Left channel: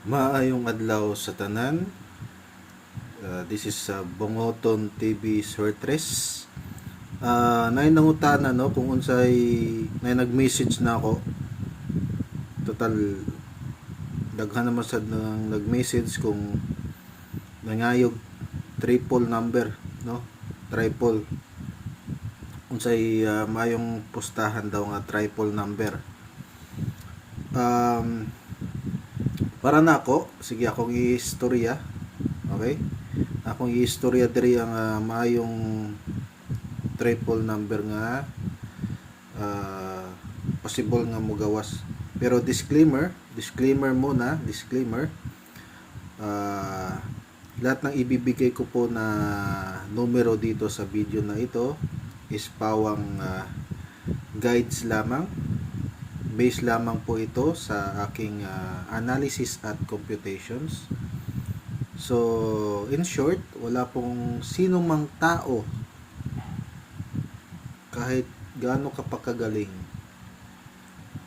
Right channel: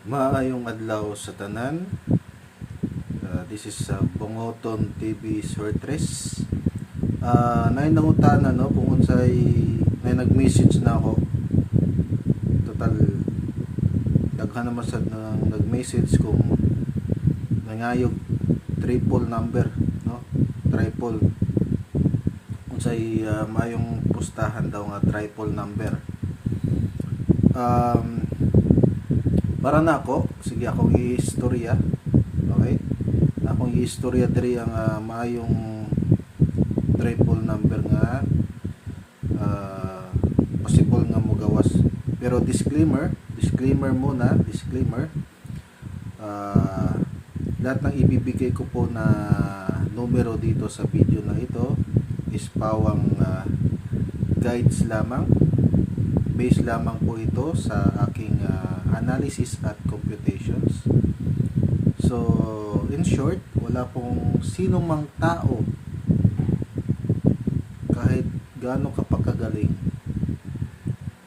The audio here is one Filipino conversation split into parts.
Maayong adlaw sa tanan. This is Bongoton TV Sortres. Nay nangutana no kung unsay nay nag-message na ako. Total daghan naman sad nang nag-message kung nangayog triple number no. Triple. Unsay maayong pustahan daw nga triple number. Para na ako, sige akong i-istorya. Okay? Akong i-istorya diri ang maayong triple number nga possible nga mogawas. Pero disclaimer muna, lahat ng ibibigay ko po na numero dito sa video na ito is pawang guides lamang. Base lamang po ito sa aking analysis at computations. So, in short, wala pong sinong mang tao kahit gaano kapakagaling,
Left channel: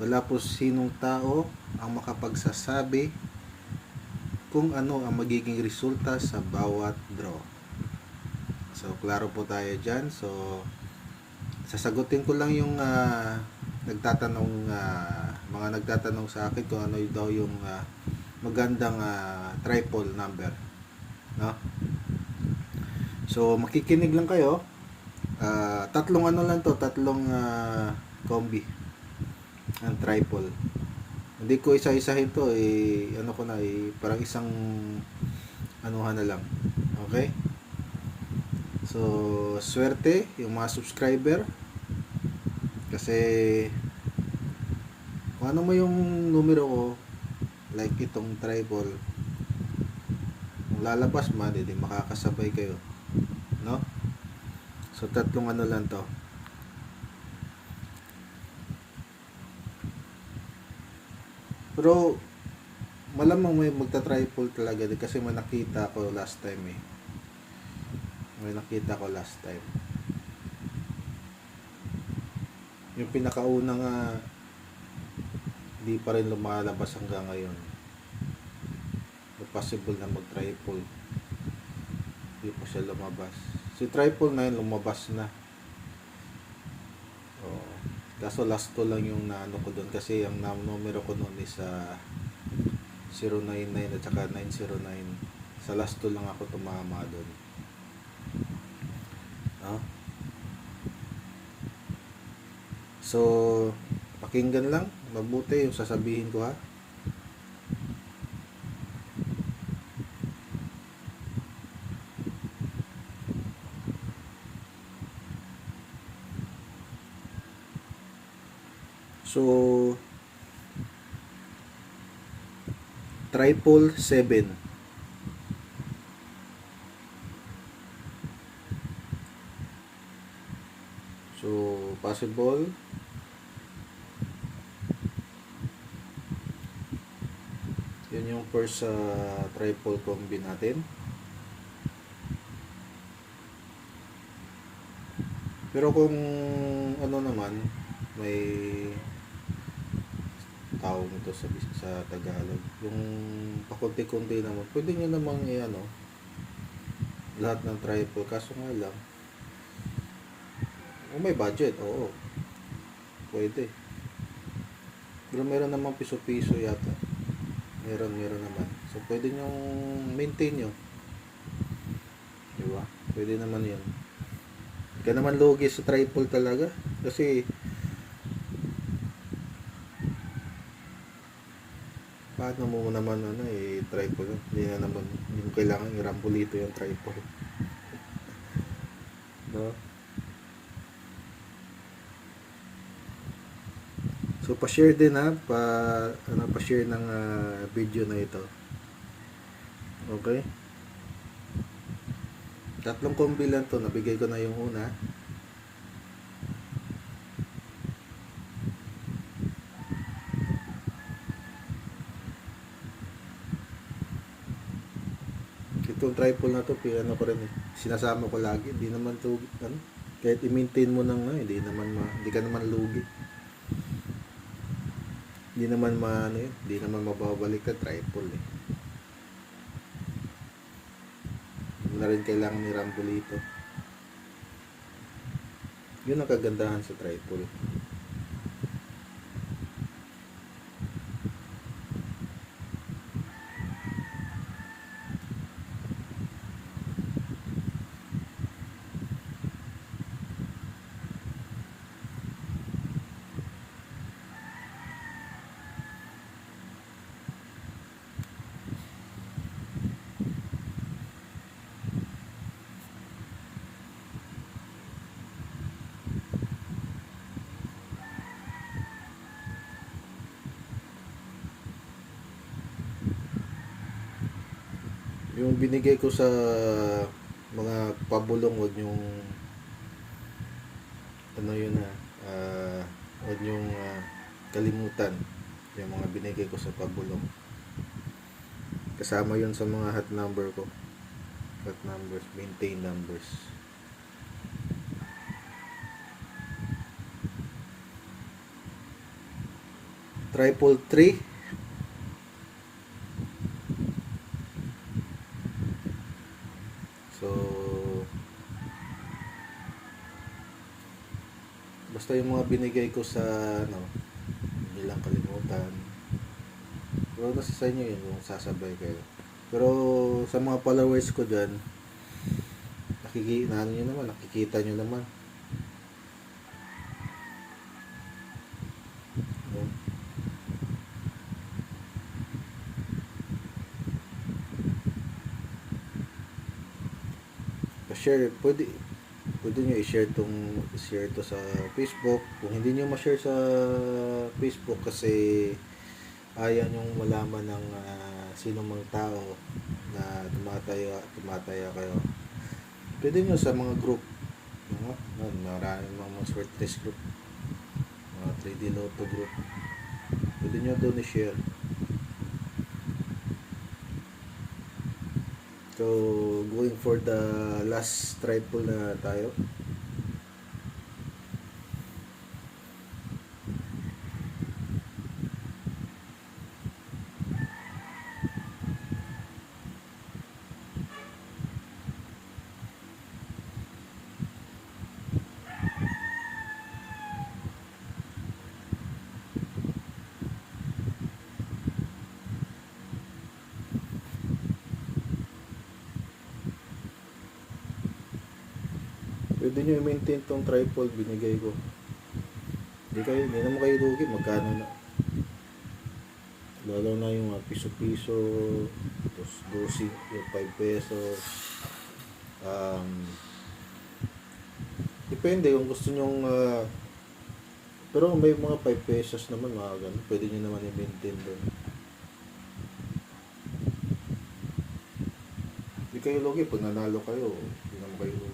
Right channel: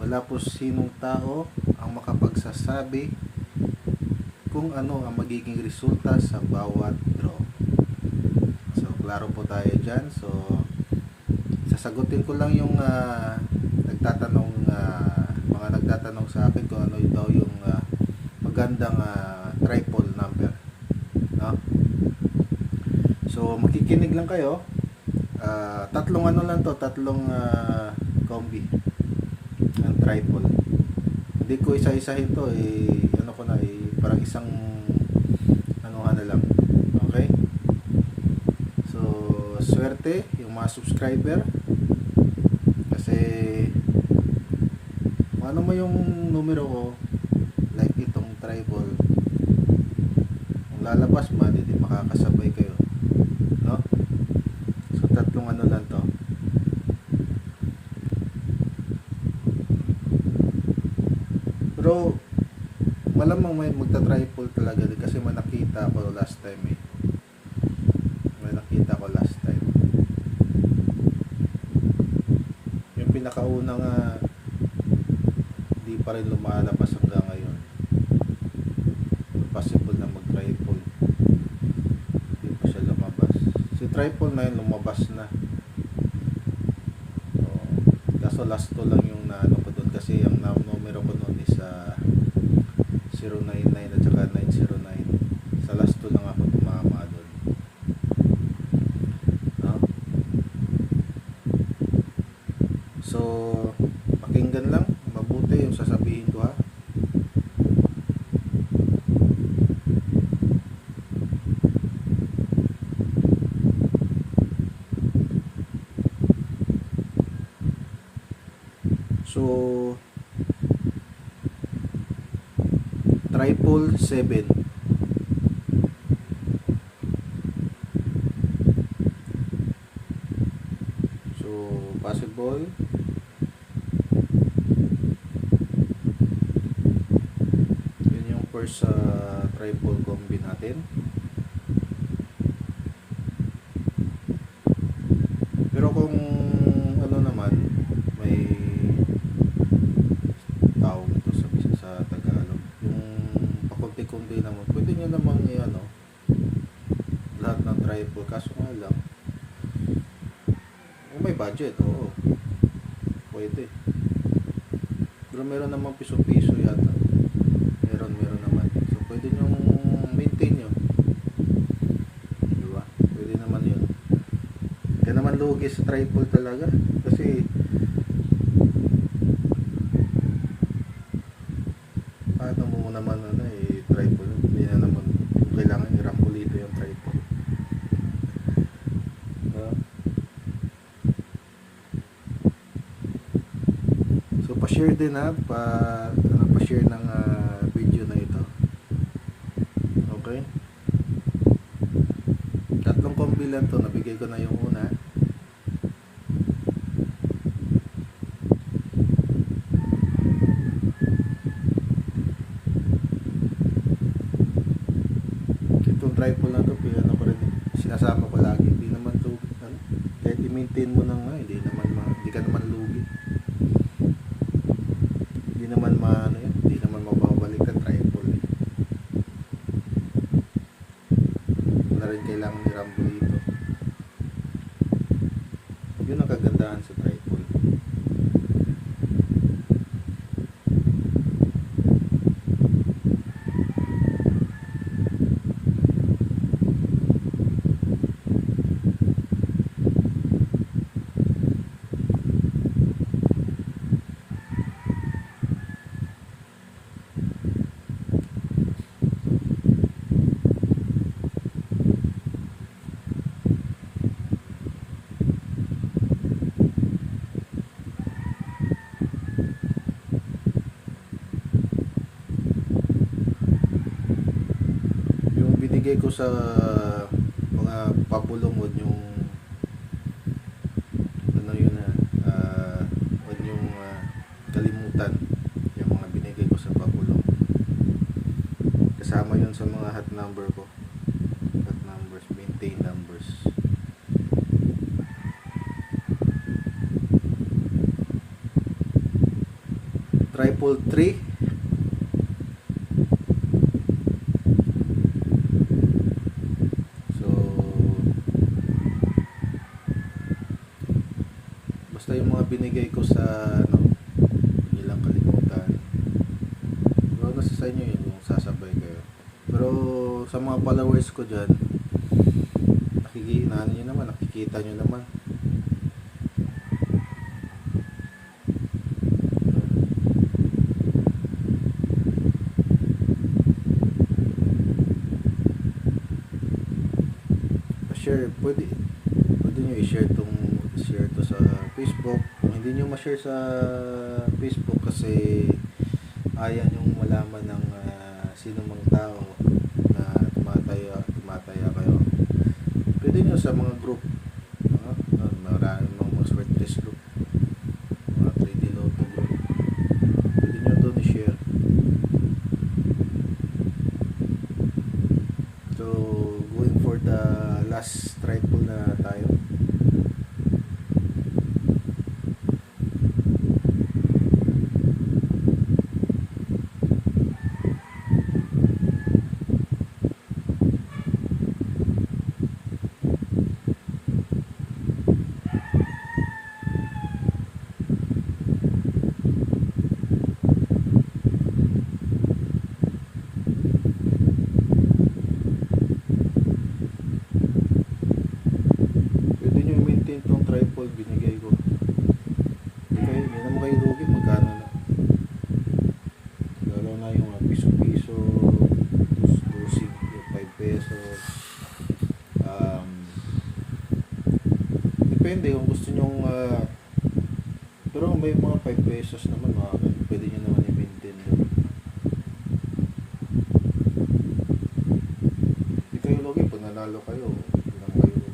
wala po sinong tao ang makapagsasabi kung ano ang magiging resulta sa bawat draw. So, klaro po tayo dyan. So, sasagutin ko lang yung mga nagtatanong sa akin kung ano daw yung magandang triple number, no? So makikinig lang kayo. Tatlong combi ng triple. Hindi ko isa-isahin to, parang isang anuhan na lang. Okay? So swerte yung mga subscriber, kasi kung ano mo yung numero ko, like itong triple, kung lalabas man, hindi makakasabay kayo, no? So tatlong lang to. Pero malamang may magta-triple talaga kasi may nakita ko last time yung pinakauna nga di pa rin lumalabas hanggang ngayon. Possible na mag-triple, di pa siya lumabas. Si triple na yun lumabas na. So, kaso last to lang yung naano ko doon, kasi ang numero ko noon is 099 at saka 909. Sa last to lang ako tumama doon, no? So pakinggan lang mabuti yung sasabihin ko, ha. So triple 7. So possible yun yung first triple combi natin. Pero kung ano naman, may tawag nito sa Tagalog, yung pakunti-kunti naman, pwede nyo namang lahat ng triple. Kaso nga lang, kung may budget, oo, pwede. Pero meron namang piso-piso yata, meron naman. So pwede nyo maintain nyo, diba? Pwede naman yun. Kaya naman lugi sa triple talaga, kasi paano mo naman triple, hindi na naman yung kailangan i-rambolito yung triple, no? So pa-share din, ha, pa-share ng video na ito. Okay? Tatlong combi lang to, nabigay ko na yung una. Itong triple na to, ko rin sinasama ko lagi. Hindi naman to kahit i-maintain mo hindi ka naman lugi. Hindi naman hindi naman mababalik ka triple na rin kailangan ni Rambo dito. Yun ang kagandahan sa tripod. Yung binigay ko sa mga pabulong, wag yung ano yun wag yung kalimutan yung mga binigay ko sa pabulong. Kasama yun sa mga hot number ko, hot numbers, maintain numbers. Triple 3. Basta yung mga binigay ko sa hindi lang kalimutan, pero nasa sa inyo yun kung sasabay kayo. Pero sa mga followers ko dyan, nakikita nyo naman. Share, pwede nyo i-share to sa Facebook. Kung hindi nyo ma-share sa Facebook kasi ayaw nyong malaman ng sino mang tao na tumataya kayo, pwede nyo sa mga group, maraming mga Swertres group, mga 3D Lotto group, pwede nyo doon i-share. So going for the last triple na tayo. Pwede nyo i-maintain tong tripod binigay ko. Hindi naman kayo lugi, magkano na. Lalo na yung piso-piso, 2 5 pesos. Depende kung gusto nyong pero may mga 5 pesos naman, mga ganun, pwede nyo naman i-maintain doon. Hindi kayo lugi pag nanalo kayo, hindi naman kayo lugi.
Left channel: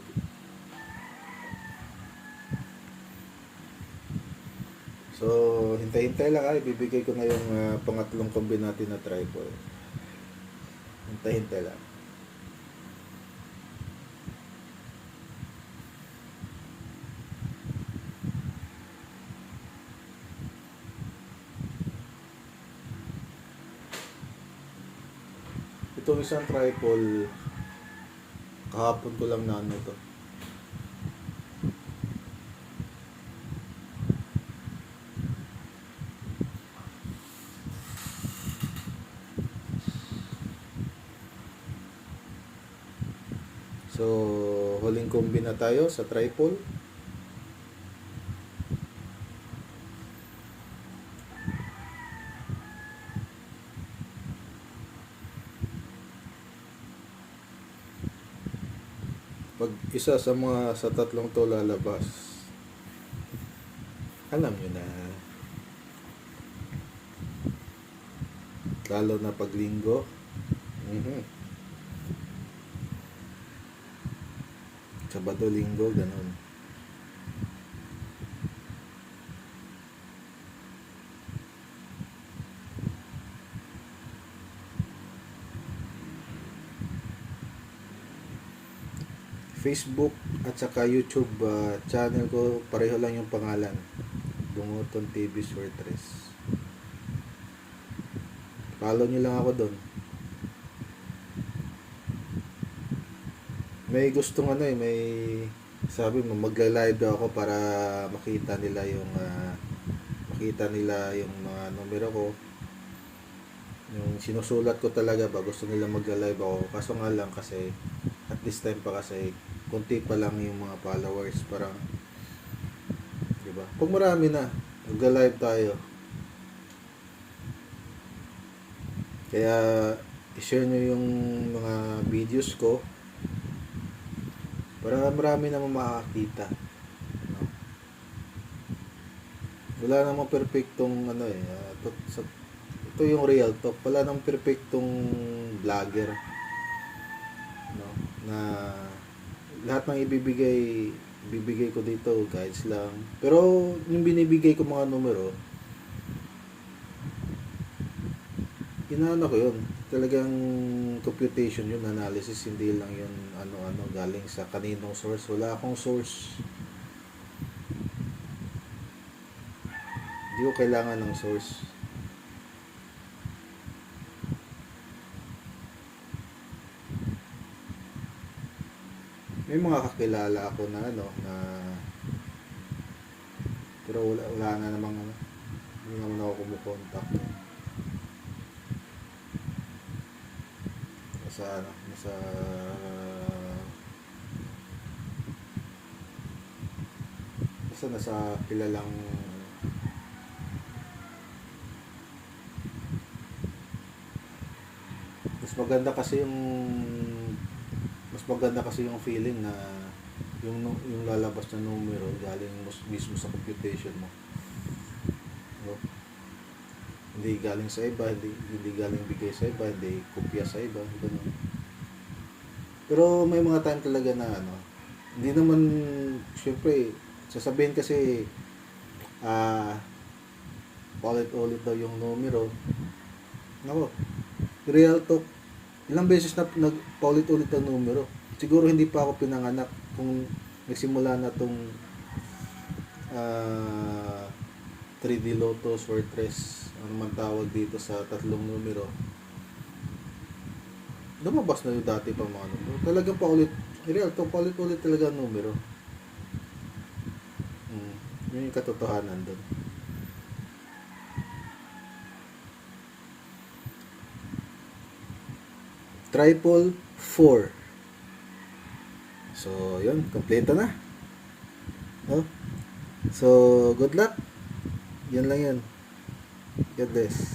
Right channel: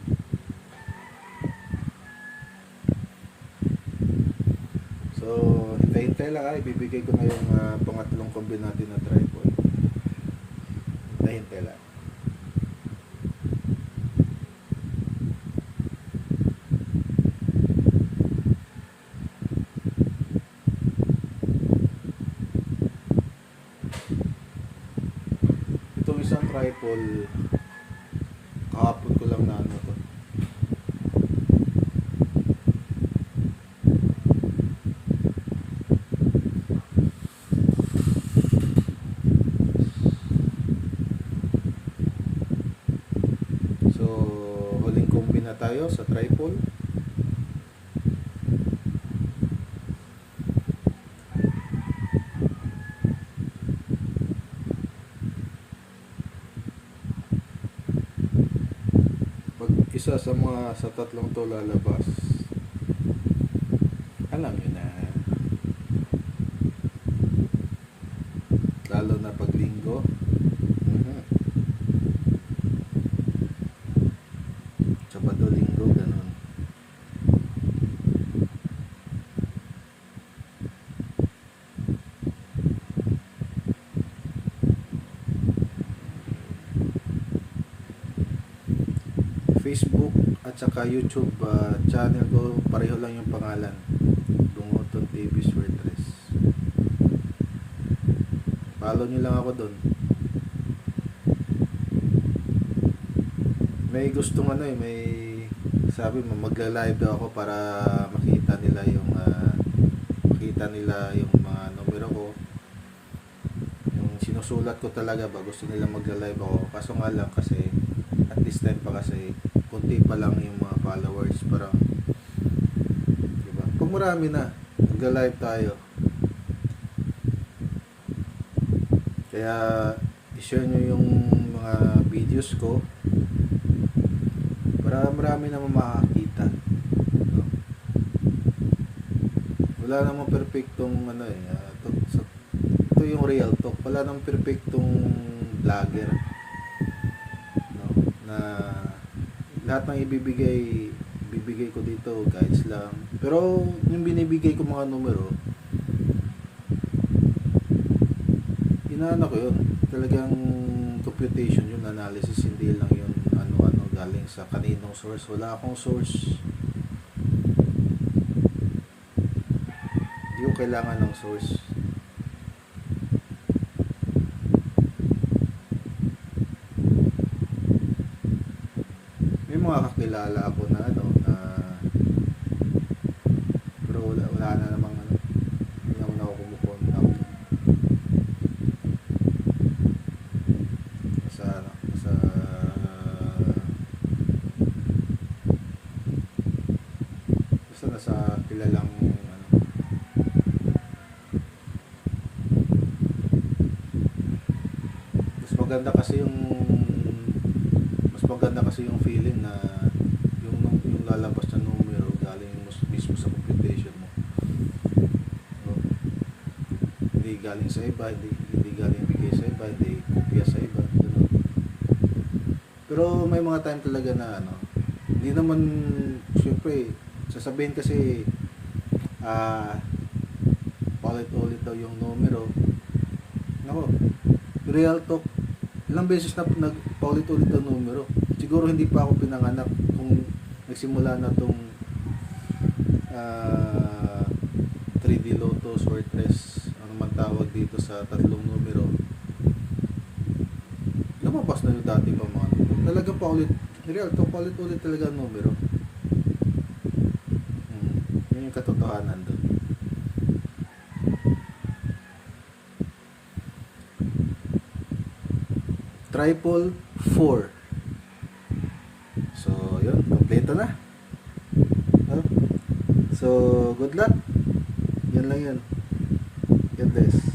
So hintay-hintay lang, ibibigay ko na yung pangatlong kombinati na tripod. Hintay-hintay lang. Itong isang tripod, kahapon ko lang na to. So huling kombi na tayo sa tripod. Pag isa sa tatlong to lalabas, alam nyo na, lalo na pag linggo. Sabado, linggo, ganun. Facebook at saka YouTube channel ko, pareho lang yung pangalan, Dunguton TV Swertres. Follow nyo lang ako doon. May gustong ano eh, may sabi mo magla-live daw ako para makita nila yung mga numero ko. Yung sinusulat ko talaga ba, gusto nila magla-live ako. Kaso nga lang kasi at this time pa kasi konti pa lang yung mga followers, parang, di ba? Pag marami na, magla-live tayo. Kaya i-share nyo yung mga videos ko para marami naman makakita. No? Wala namang perfectong ano eh. Ito yung real talk. Wala namang perfectong vlogger. No? Na lahat ng ibibigay ko dito guides lang. Pero yung binibigay ko mga numero, inaano ko yun. Talagang computation yun, analysis, hindi lang yun ano-ano galing sa kaninong source. Wala akong source. Hindi ko kailangan ng source. May mga kakilala ako na pero wala na namang hindi naman ako kumukontak. Nasa kilalang mas maganda kasi yung feeling na yung lalabas na numero galing mismo sa computation mo. No? Hindi galing sa iba, hindi galing bigay sa iba, hindi kopya sa iba, ganun. Pero may mga time talaga na hindi naman, syempre sasabihin kasi paulit-ulit daw yung numero. Nako, real talk, ilang beses na paulit-ulit ang numero. Siguro hindi pa ako pinanganak kung nagsimula na tong 3D Lotto, Sortress, ano man tawag dito sa tatlong numero. Lumabas na yung dati pa mga numero. Talaga real talk, paulit-ulit talaga ang numero. Yung katotohanan doon. Triple 4. So, yun, kompleto na. No? So, good luck. Yan lang yan. God bless.